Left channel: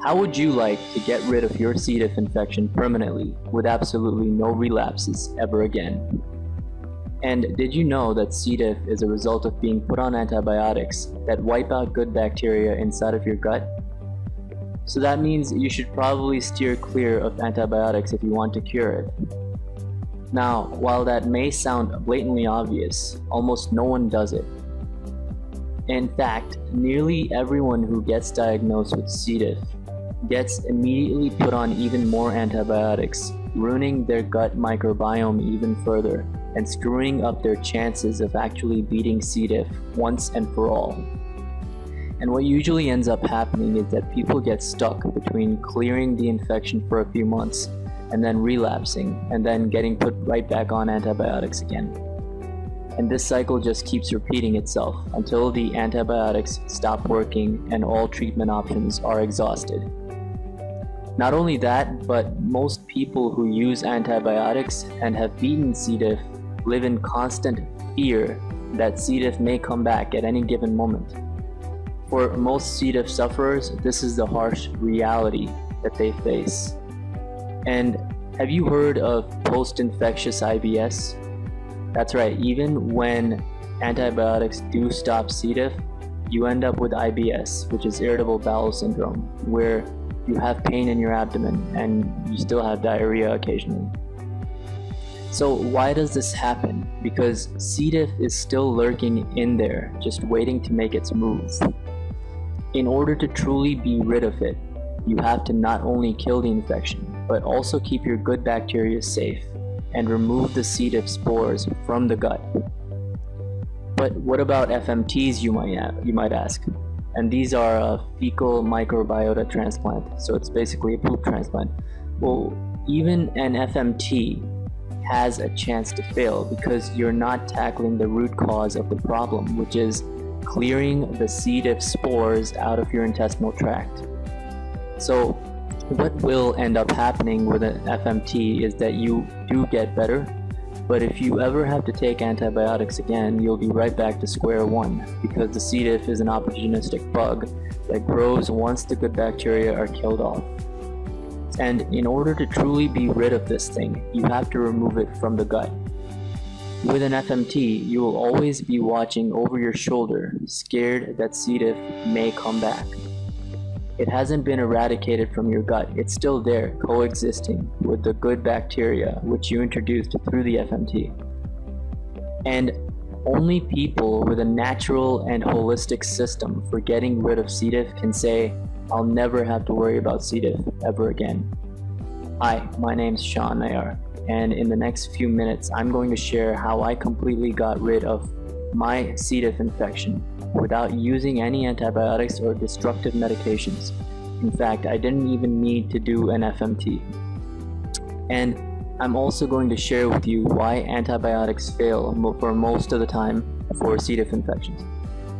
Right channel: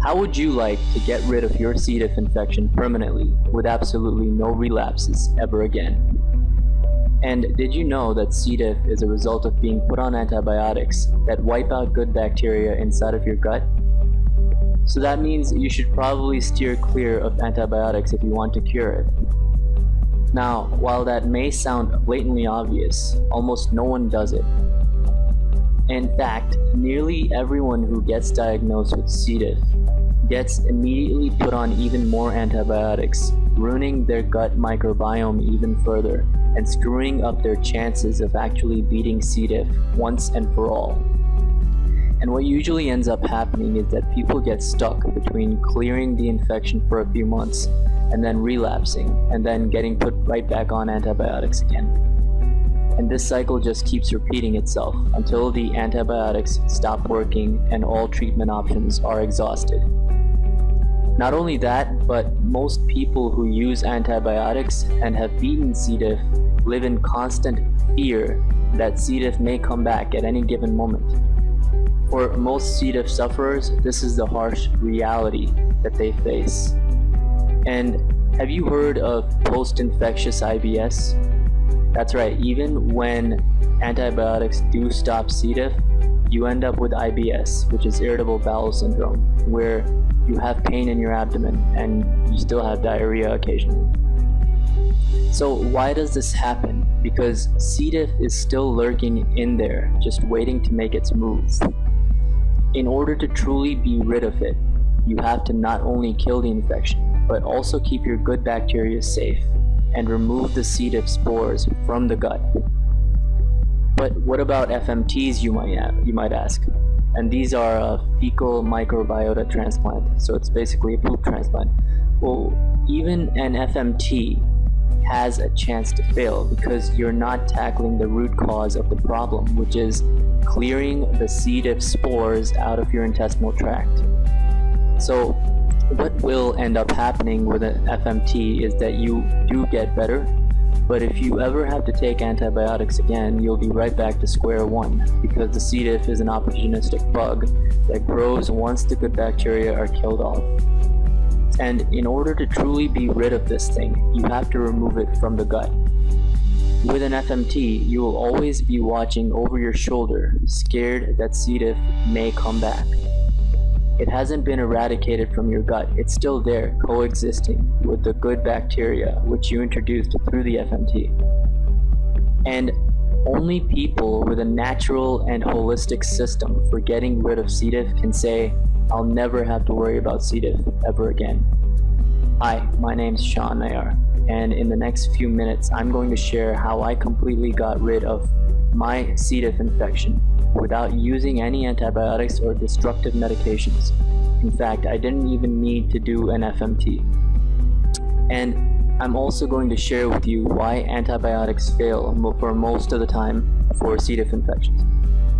How would you like to get rid of your C. diff infection permanently with absolutely no relapses ever again? And did you know that C. diff is a result of being put on antibiotics that wipe out good bacteria inside of your gut? So that means you should probably steer clear of antibiotics if you want to cure it. Now, while that may sound blatantly obvious, almost no one does it. In fact, nearly everyone who gets diagnosed with C. diff gets immediately put on even more antibiotics, ruining their gut microbiome even further and screwing up their chances of actually beating C. diff once and for all. And what usually ends up happening is that people get stuck between clearing the infection for a few months and then relapsing and then getting put right back on antibiotics again. And this cycle just keeps repeating itself until the antibiotics stop working and all treatment options are exhausted. Not only that, but most people who use antibiotics and have beaten C. diff live in constant fear that C. diff may come back at any given moment. For most C. diff sufferers, this is the harsh reality that they face. And have you heard of post-infectious IBS? That's right, even when antibiotics do stop C. diff, you end up with IBS, which is irritable bowel syndrome, where you have pain in your abdomen and you still have diarrhea occasionally. So why does this happen? Because C. diff is still lurking in there, just waiting to make its move. In order to truly be rid of it, you have to not only kill the infection, but also keep your good bacteria safe and remove the C. diff spores from the gut. But what about FMTs, you might ask? And these are a fecal microbiota transplant, so it's basically a poop transplant. Well, even an FMT has a chance to fail because you're not tackling the root cause of the problem, which is clearing the C. diff spores out of your intestinal tract. So what will end up happening with an FMT is that you do get better, but if you ever have to take antibiotics again, you'll be right back to square one, because the C. diff is an opportunistic bug that grows once the good bacteria are killed off. And in order to truly be rid of this thing, you have to remove it from the gut. With an FMT, you will always be watching over your shoulder, scared that C. diff may come back. It hasn't been eradicated from your gut, it's still there, coexisting with the good bacteria which you introduced through the FMT. And only people with a natural and holistic system for getting rid of C. diff can say, I'll never have to worry about C. diff ever again. Hi, my name's Sean Nayar, and in the next few minutes I'm going to share how I completely got rid of my C. diff infection without using any antibiotics or destructive medications. In fact, I didn't even need to do an FMT. And I'm also going to share with you why antibiotics fail for most of the time for C. diff infections,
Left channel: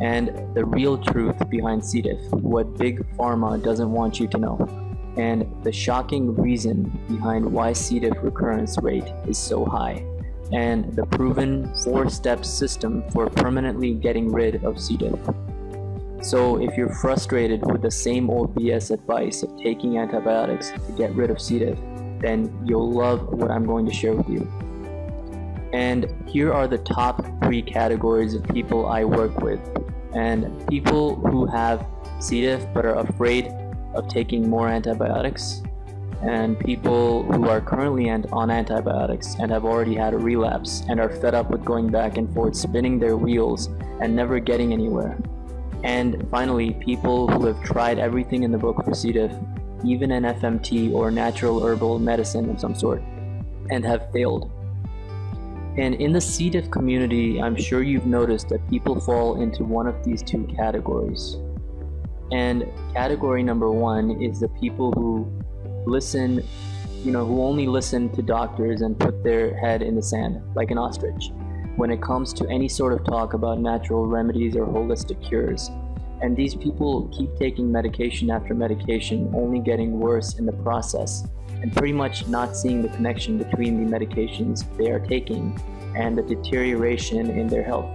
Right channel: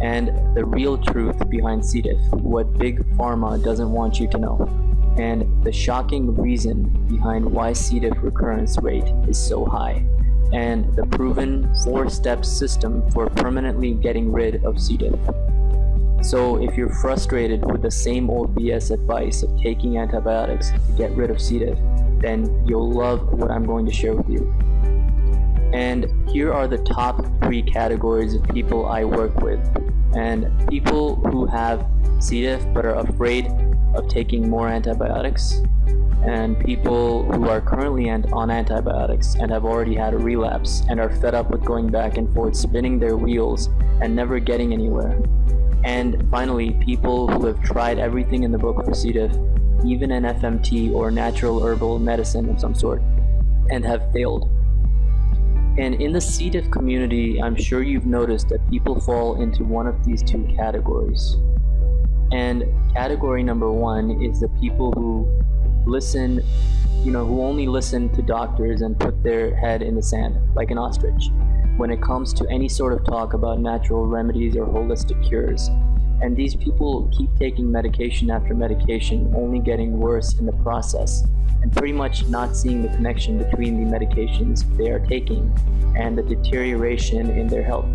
and the real truth behind C. diff, what Big Pharma doesn't want you to know, and the shocking reason behind why C. diff recurrence rate is so high, and the proven 4-step system for permanently getting rid of C. diff. So if you're frustrated with the same old BS advice of taking antibiotics to get rid of C. diff, then you'll love what I'm going to share with you. And here are the top 3 categories of people I work with. And people who have C. diff but are afraid of taking more antibiotics, and people who are currently on antibiotics and have already had a relapse and are fed up with going back and forth spinning their wheels and never getting anywhere. And finally, people who have tried everything in the book for C. diff, even an FMT or natural herbal medicine of some sort, and have failed. And in the C. diff community, I'm sure you've noticed that people fall into one of these 2 categories. And category number 1 is the people who listen, who only listen to doctors and put their head in the sand like an ostrich when it comes to any sort of talk about natural remedies or holistic cures. And these people keep taking medication after medication, only getting worse in the process, and pretty much not seeing the connection between the medications they are taking and the deterioration in their health.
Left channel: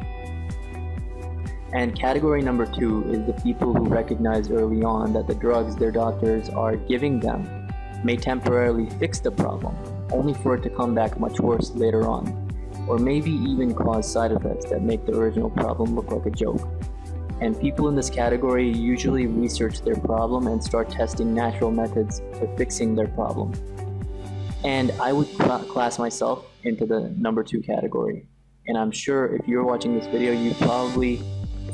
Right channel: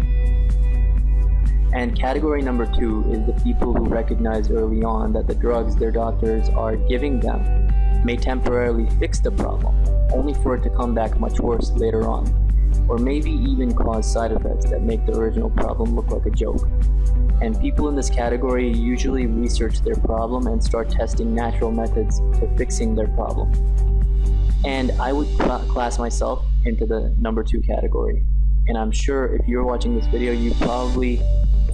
And category number 2 is the people who recognize early on that the drugs their doctors are giving them may temporarily fix the problem, only for it to come back much worse later on, or maybe even cause side effects that make the original problem look like a joke. And people in this category usually research their problem and start testing natural methods to fixing their problem. And I would class myself into the number 2 category. And I'm sure if you're watching this video, you're probably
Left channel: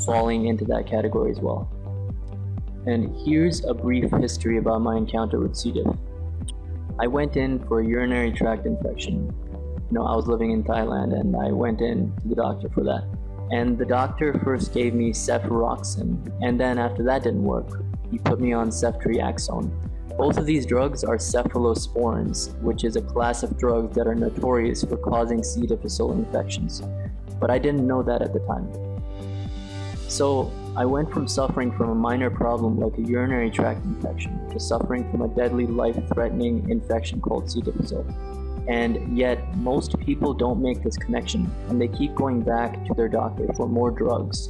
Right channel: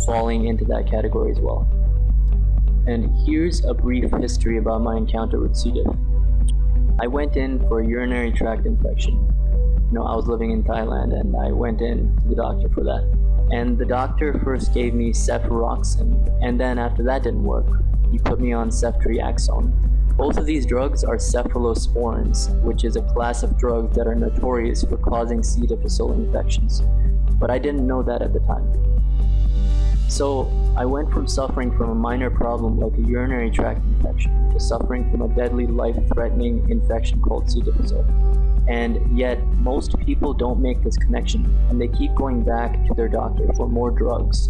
falling into that category as well. And here's a brief history about my encounter with C. diff. I went in for a urinary tract infection. I was living in Thailand and I went in to the doctor for that. And the doctor first gave me cefuroxime, and then after that didn't work, he put me on ceftriaxone. Both of these drugs are cephalosporins, which is a class of drugs that are notorious for causing C. difficile infections. But I didn't know that at the time. So I went from suffering from a minor problem like a urinary tract infection to suffering from a deadly, life-threatening infection called C. difficile. And yet, most people don't make this connection, and they keep going back to their doctor for more drugs.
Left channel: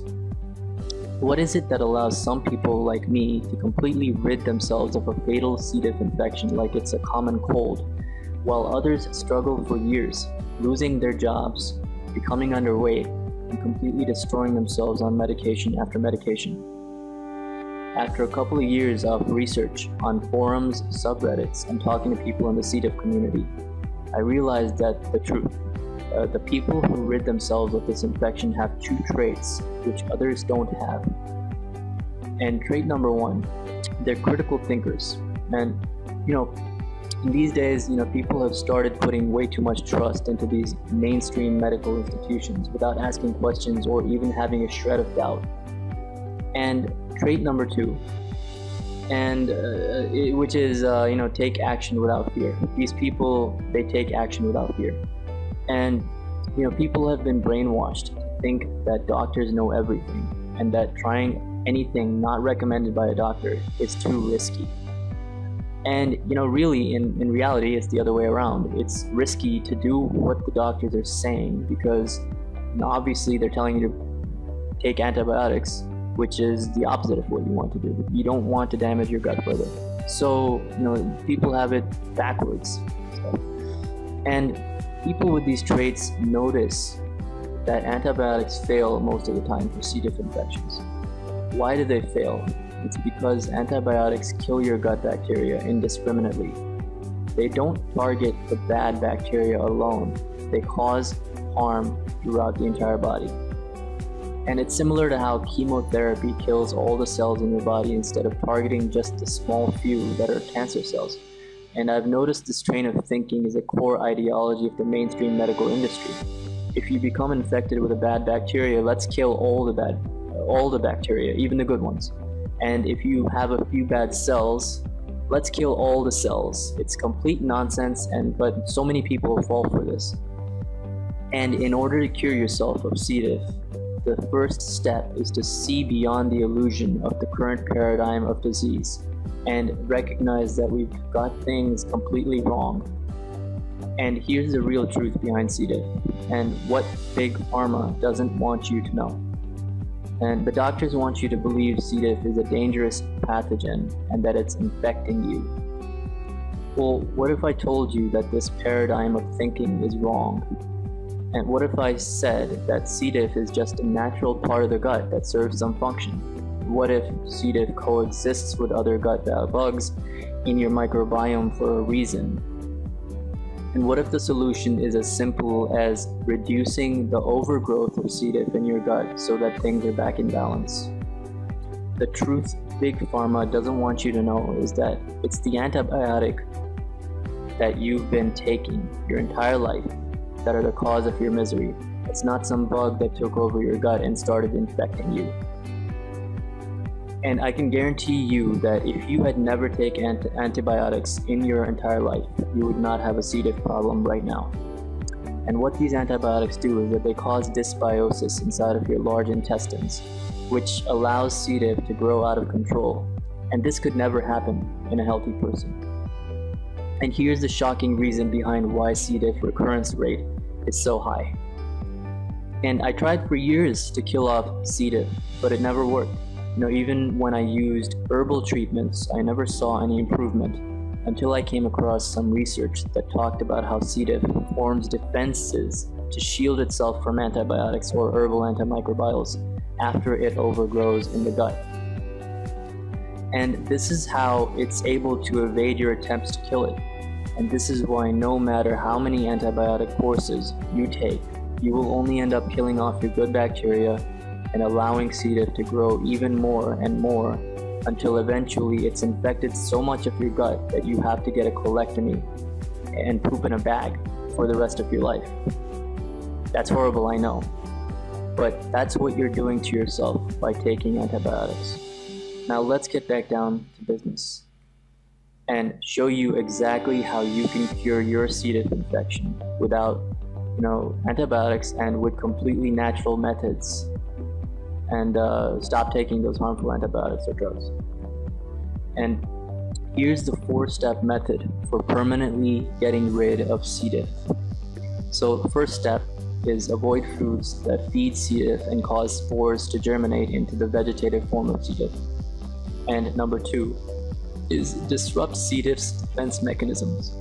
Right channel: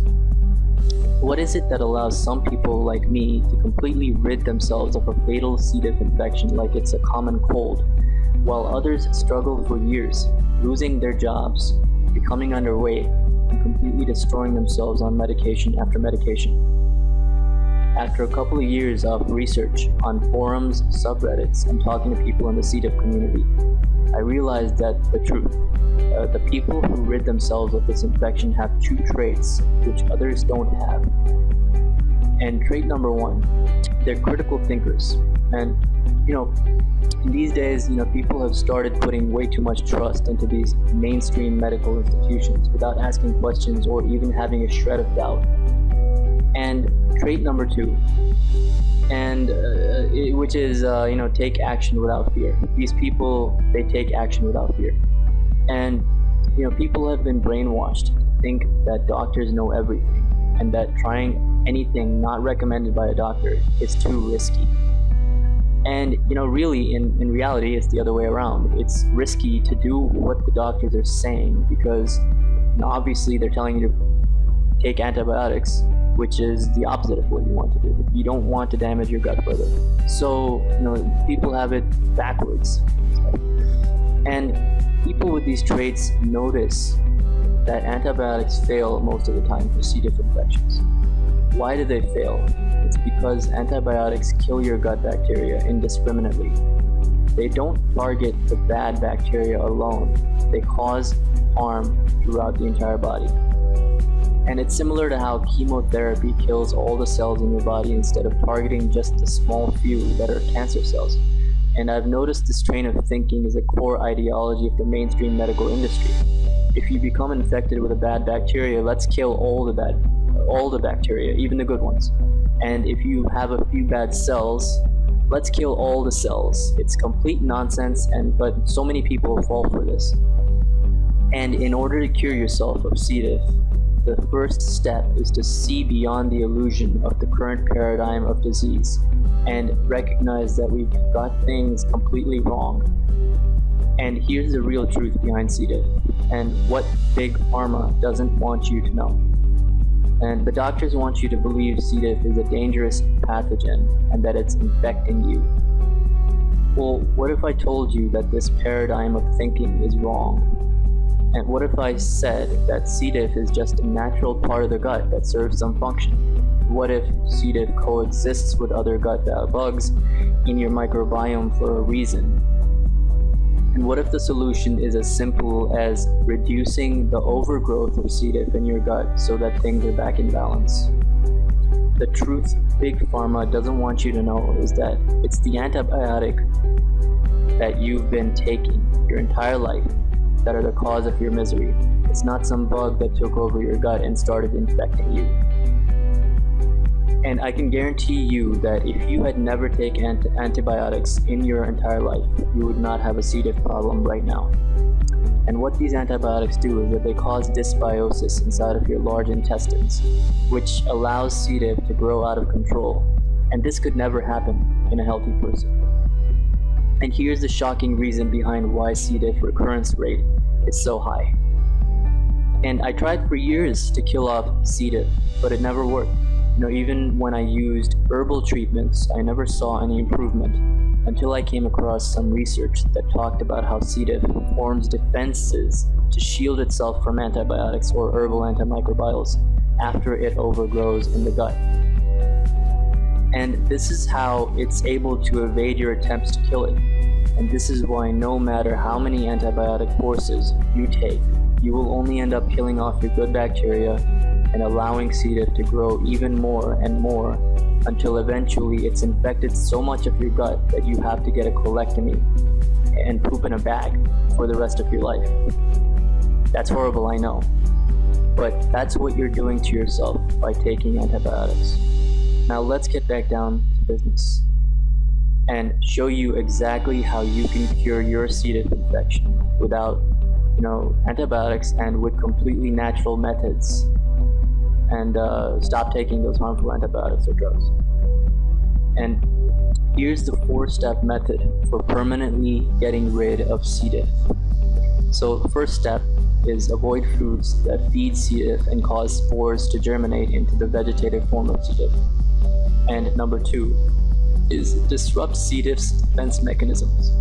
What is it that allows some people like me to completely rid themselves of a fatal C. diff infection like it's a common cold, while others struggle for years, losing their jobs, becoming underweight, and completely destroying themselves on medication after medication? After a couple of years of research on forums, subreddits, and talking to people in the C. diff community, I realized that the truth. The people who rid themselves of this infection have 2 traits which others don't have. And trait number 1, they're critical thinkers. And in these days, people have started putting way too much trust into these mainstream medical institutions without asking questions or even having a shred of doubt. And trait number 2, which is take action without fear. These people, they take action without fear. And people have been brainwashed to think that doctors know everything and that trying anything not recommended by a doctor is too risky. And really in reality it's the other way around. It's risky to do what the doctors are saying because obviously they're telling you to take antibiotics, which is the opposite of what you want to do. You don't want to damage your gut further. So, people have it backwards. And people with these traits notice that antibiotics fail most of the time for C. diff infections. Why do they fail? It's because antibiotics kill your gut bacteria indiscriminately. They don't target the bad bacteria alone. They cause harm throughout the entire body. And it's similar to how chemotherapy kills all the cells in your body instead of targeting just a small few that are cancer cells. And I've noticed this train of thinking is a core ideology of the mainstream medical industry. If you become infected with a bad bacteria, let's kill all the bacteria, even the good ones. And if you have a few bad cells, let's kill all the cells. It's complete nonsense, but so many people fall for this. And in order to cure yourself of C. diff, the first step is to see beyond the illusion of the current paradigm of disease and recognize that we've got things completely wrong. And here's the real truth behind C. diff and what Big Pharma doesn't want you to know. And the doctors want you to believe C. diff is a dangerous pathogen and that it's infecting you. Well, what if I told you that this paradigm of thinking is wrong? And what if I said that C. diff is just a natural part of the gut that serves some function? What if C. diff coexists with other gut bugs in your microbiome for a reason? And what if the solution is as simple as reducing the overgrowth of C. diff in your gut so that things are back in balance? The truth Big Pharma doesn't want you to know is that it's the antibiotic that you've been taking your entire life that are the cause of your misery. It's not some bug that took over your gut and started infecting you. And I can guarantee you that if you had never taken antibiotics in your entire life, you would not have a C. diff problem right now. And what these antibiotics do is that they cause dysbiosis inside of your large intestines, which allows C. diff to grow out of control. And this could never happen in a healthy person. And here's the shocking reason behind why C. diff recurrence rate is so high. And I tried for years to kill off C. diff, but it never worked. Even when I used herbal treatments, I never saw any improvement until I came across some research that talked about how C. diff forms defenses to shield itself from antibiotics or herbal antimicrobials after it overgrows in the gut. And this is how it's able to evade your attempts to kill it. And this is why no matter how many antibiotic courses you take, you will only end up killing off your good bacteria and allowing C. diff to grow even more and more until eventually it's infected so much of your gut that you have to get a colectomy and poop in a bag for the rest of your life. That's horrible, I know, but that's what you're doing to yourself by taking antibiotics. Now let's get back down to business and show you exactly how you can cure your C. diff infection without antibiotics and with completely natural methods, and stop taking those harmful antibiotics or drugs. And here's the 4-step method for permanently getting rid of C. diff. So the first step is avoid foods that feed C. diff and cause spores to germinate into the vegetative form of C. diff. And number 2 is disrupt C. diff's defense mechanisms.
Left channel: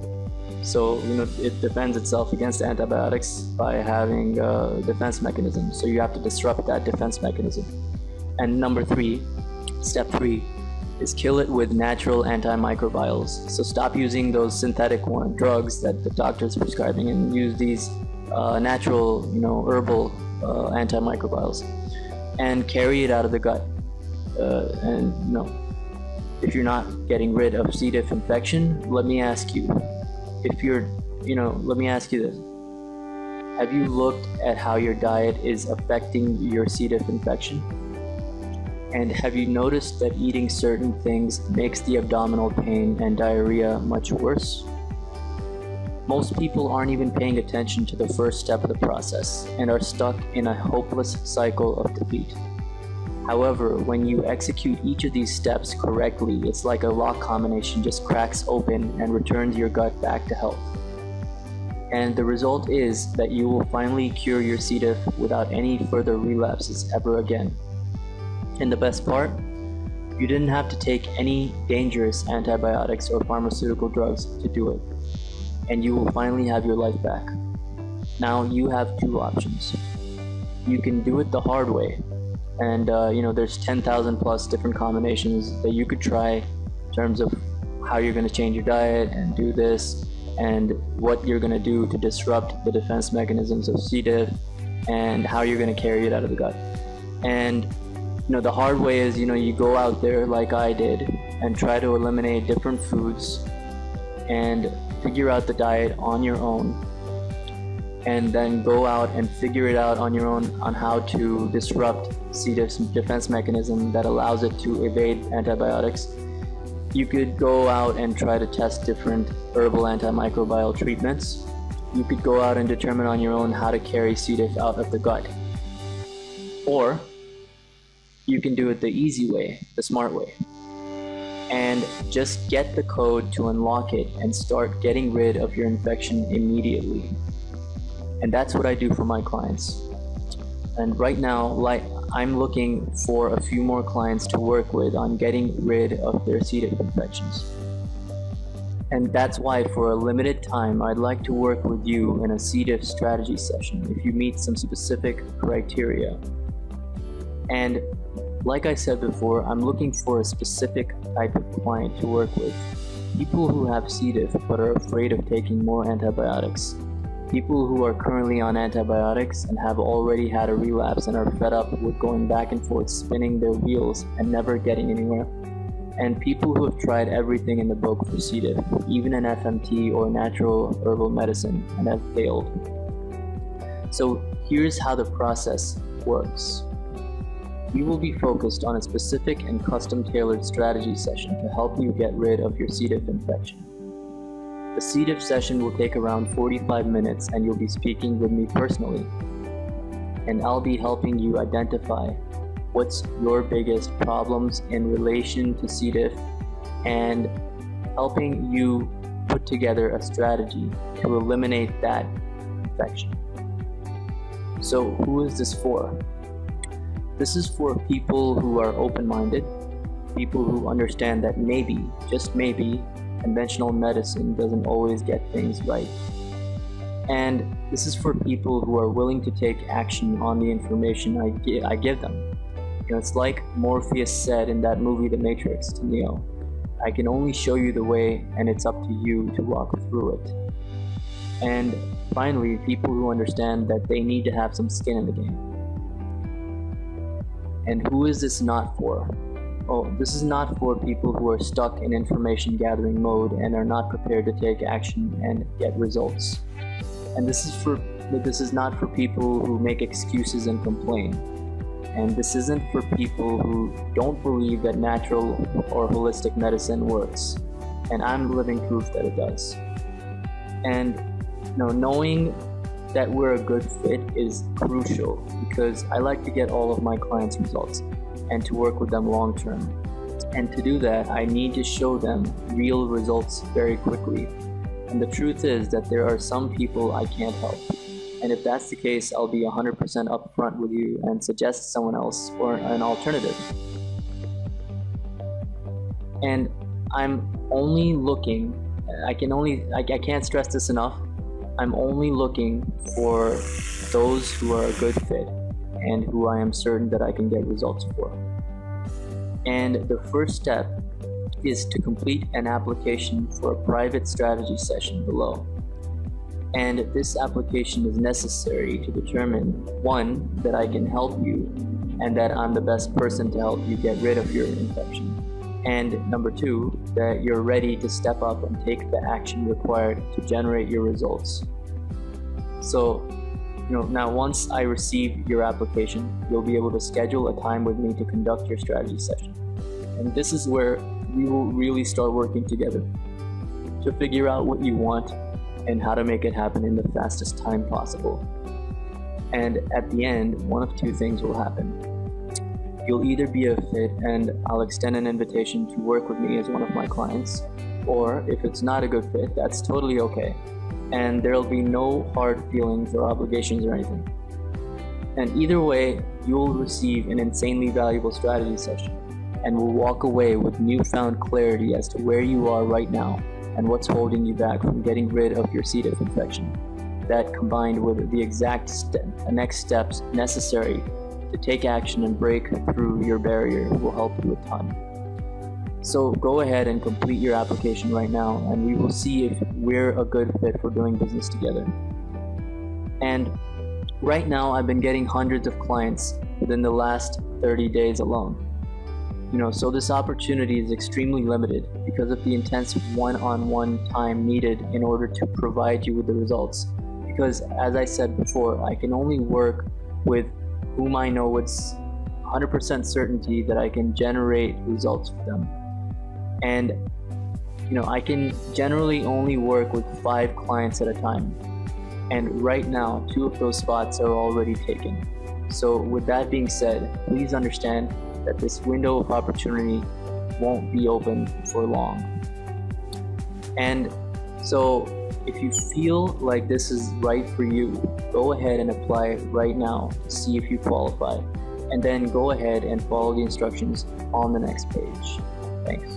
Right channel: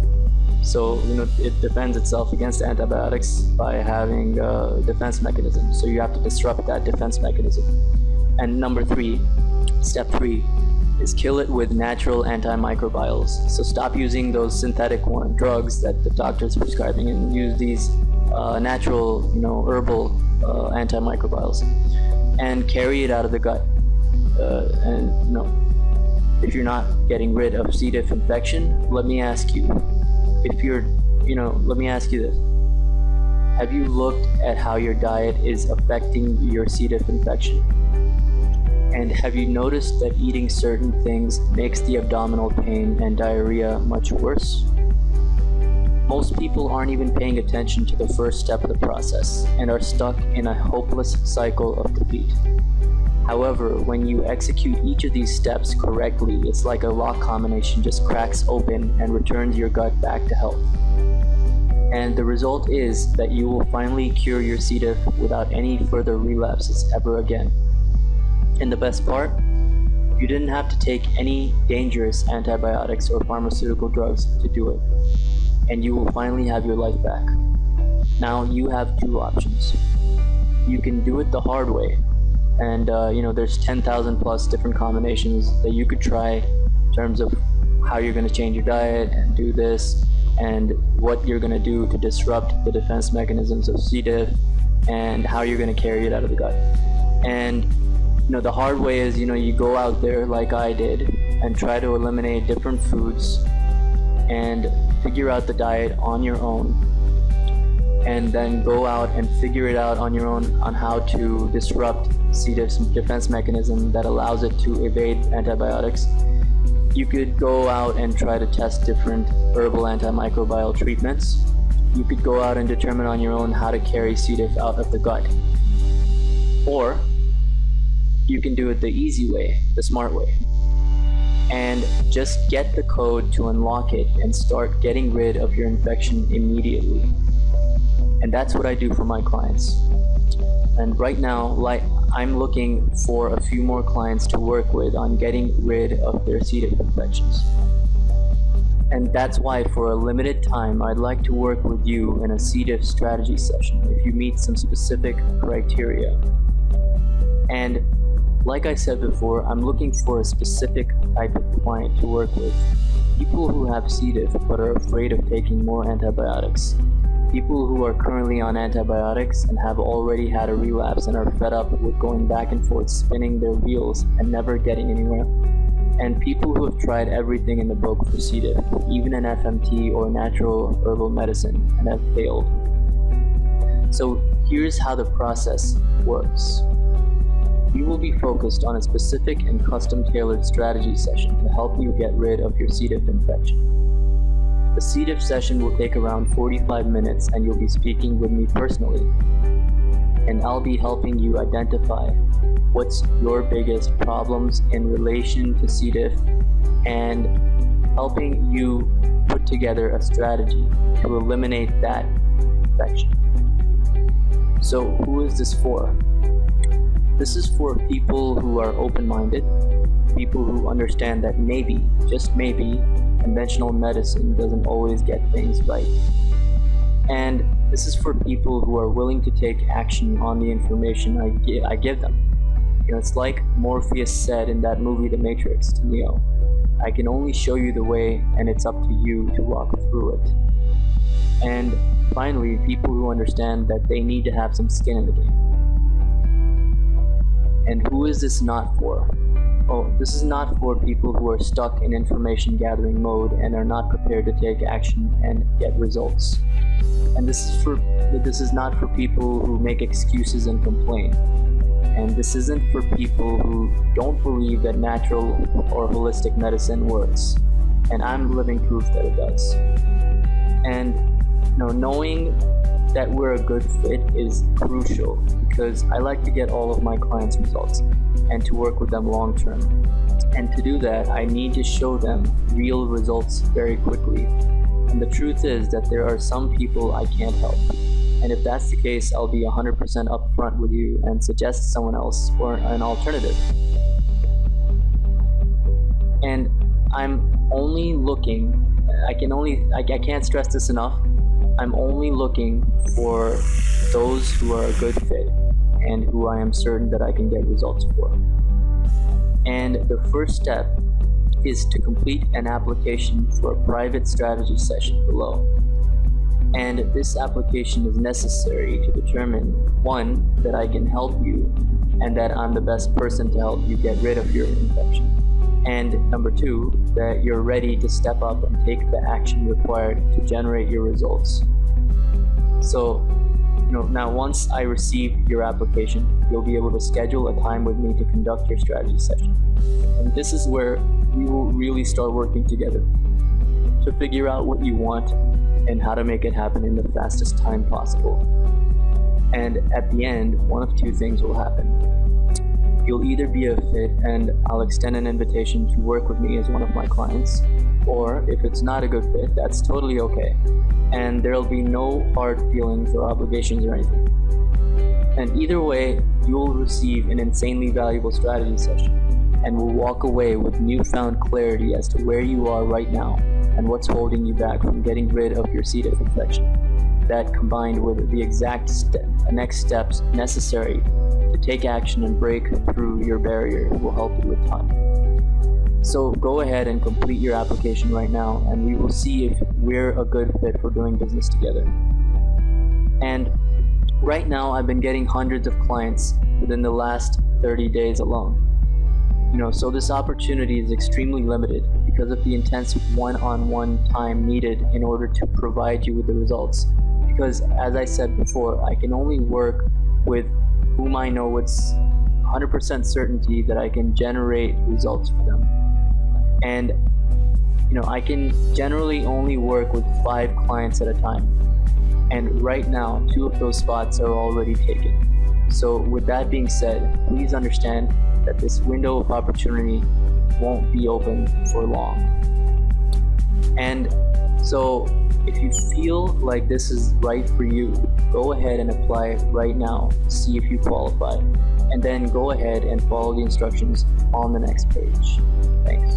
So, it defends itself against antibiotics by having a defense mechanism. So you have to disrupt that defense mechanism. And number 3, step 3, is kill it with natural antimicrobials. So stop using those synthetic drugs that the doctor's prescribing and use these natural, herbal antimicrobials and carry it out of the gut. If you're not getting rid of C. diff infection, let me ask you this. Have you looked at how your diet is affecting your C. diff infection? And have you noticed that eating certain things makes the abdominal pain and diarrhea much worse? Most people aren't even paying attention to the first step of the process and are stuck in a hopeless cycle of defeat. However, when you execute each of these steps correctly, it's like a lock combination just cracks open and returns your gut back to health. And the result is that you will finally cure your C. diff without any further relapses ever again. And the best part, you didn't have to take any dangerous antibiotics or pharmaceutical drugs to do it. And you will finally have your life back. Now you have 2 options. You can do it the hard way. And there's 10,000 plus different combinations that you could try in terms of how you're going to change your diet and do this, and what you're going to do to disrupt the defense mechanisms of C. diff, and how you're going to carry it out of the gut. And the hard way is you go out there like I did and try to eliminate different foods and figure out the diet on your own, and then go out and figure it out on your own on how to disrupt C. diff's defense mechanism that allows it to evade antibiotics. You could go out and try to test different herbal antimicrobial treatments. You could go out and determine on your own how to carry C. diff out of the gut. Or you can do it the easy way, the smart way, and just get the code to unlock it and start getting rid of your infection immediately. And that's what I do for my clients. And right now, I'm looking for a few more clients to work with on getting rid of their C. diff infections. And that's why for a limited time, I'd like to work with you in a C. diff strategy session if you meet some specific criteria. And like I said before, I'm looking for a specific type of client to work with. People who have C. diff but are afraid of taking more antibiotics. People who are currently on antibiotics and have already had a relapse and are fed up with going back and forth spinning their wheels and never getting anywhere. And people who have tried everything in the book for C. diff, even an FMT or natural herbal medicine, and have failed. So here's how the process works. You will be focused on a specific and custom-tailored strategy session to help you get rid of your C. diff infection. The C. diff session will take around 45 minutes and you'll be speaking with me personally. And I'll be helping you identify what's your biggest problems in relation to C. diff and helping you put together a strategy to eliminate that infection. So who is this for? This is for people who are open-minded, people who understand that maybe, just maybe, conventional medicine doesn't always get things right. And this is for people who are willing to take action on the information I give them. It's like Morpheus said in that movie, The Matrix, to Neo. I can only show you the way, and it's up to you to walk through it. And finally, people who understand that they need to have some skin in the game. And who is this not for? Oh, this is not for people who are stuck in information gathering mode and are not prepared to take action and get results. And this is not for people who make excuses and complain. And this isn't for people who don't believe that natural or holistic medicine works. And I'm living proof that it does. And knowing that we're a good fit is crucial, because I like to get all of my clients' results and to work with them long term. And to do that, I need to show them real results very quickly. And the truth is that there are some people I can't help. And if that's the case, I'll be 100% upfront with you and suggest someone else or an alternative. And I'm only looking, I can't stress this enough, I'm only looking for those who are a good fit and who I am certain that I can get results for. And the first step is to complete an application for a private strategy session below. And this application is necessary to determine, 1, that I can help you and that I'm the best person to help you get rid of your infection. And number 2, that you're ready to step up and take the action required to generate your results. So, now once I receive your application, you'll be able to schedule a time with me to conduct your strategy session. And this is where we will really start working together to figure out what you want and how to make it happen in the fastest time possible. And at the end, one of 2 things will happen. You'll either be a fit and I'll extend an invitation to work with me as one of my clients, or if it's not a good fit, that's totally okay. And there'll be no hard feelings or obligations or anything. And either way, you'll receive an insanely valuable strategy session and will walk away with newfound clarity as to where you are right now and what's holding you back from getting rid of your C. diff infection. That, combined with the exact next steps necessary to take action and break through your barrier, will help you a ton. So go ahead and complete your application right now, and we will see if we're a good fit for doing business together. And right now, I've been getting hundreds of clients within the last 30 days alone. So this opportunity is extremely limited because of the intense one-on-one time needed in order to provide you with the results. Because as I said before, I can only work with whom I know with 100% certainty that I can generate results for them. And I can generally only work with 5 clients at a time. And right now, 2 of those spots are already taken. So with that being said, please understand that this window of opportunity won't be open for long. And so if you feel like this is right for you, go ahead and apply right now to see if you qualify, and then go ahead and follow the instructions on the next page. Thanks.